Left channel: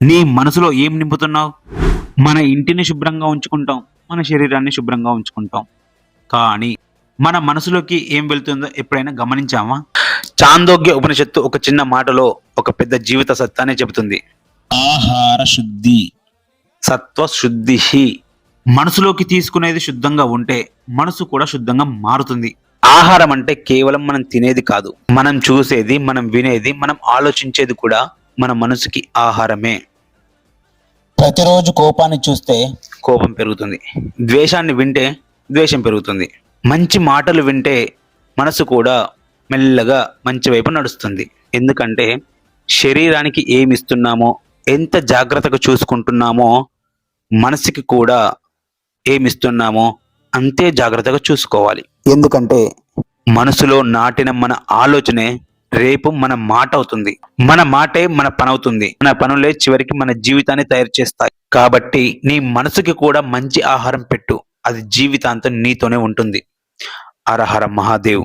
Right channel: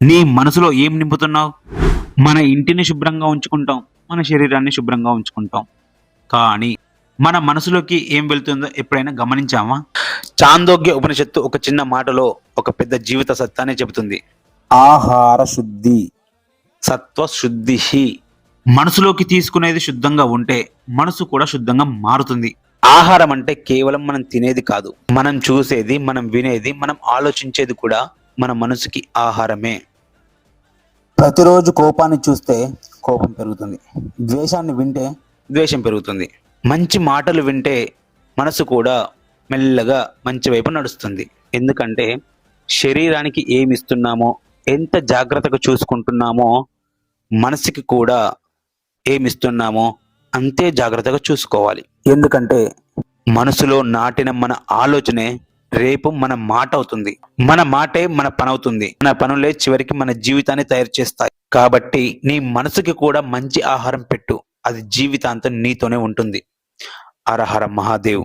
నీ మనసులో ఏం నింపుతున్నావు? మన ఇంటిని శుభ్రంగా ఉంచుకుంటాం, మన శరీరాన్ని శుభ్రంగా ఉంచుకుంటాం. కానీ మన మనసులోకి ఏం వెళ్తుందో ఎప్పుడైనా గమనించామా? చాందోగ్య ఉపనిషత్తు ఒక చిన్న మాటలో ఒక పెద్ద జీవిత సత్యాన్ని చెబుతుంది. ఆహార శుద్ధి. సత్వ శుద్ధి. మనసులోకి తీసుకునేది శుద్ధంగా ఉంటే మనసు కూడా శుద్ధంగా మారుతుంది. ఆహారం అంటే కేవలం మనం తినేది కాదు, మనం చూసేది, మనం వినేది, మనం ఆలోచించేది కూడా మన మనసుకి ఆహారమే. ప్రతిరోజు కోపాన్ని చూస్తే కోపం పెరుగుతుంది, ద్వేషాన్ని వింటే ద్వేషం పెరుగుతుంది, మంచి మాటలు వింటే మనసు కూడా మెల్లగా మంచి వైపు నడుస్తుంది. ఎందుకంటే శరీరానికి ఏమి ఇస్తున్నామో, ఎంత జాగ్రత్తగా చూసుకుంటున్నామో, మనసుకి కూడా ఏమిస్తున్నామో అంతే జాగ్రత్తగా చూసుకోవాలి. ఎందుకంటే మనసులో నాటిన మన ఆలోచనే రేపు మన మాట అవుతుంది, మన మాటే మన పని అవుతుంది, మన పనులే చివరికి మన జీవితాన్ని తయారు చేస్తాయి. కాబట్టి నీ మనసుకి కూడా మంచి ఆహారం పెట్టు, అది జీవితాంతం నీతోనే ఉంటుంది. హర హర మహాదేవ్.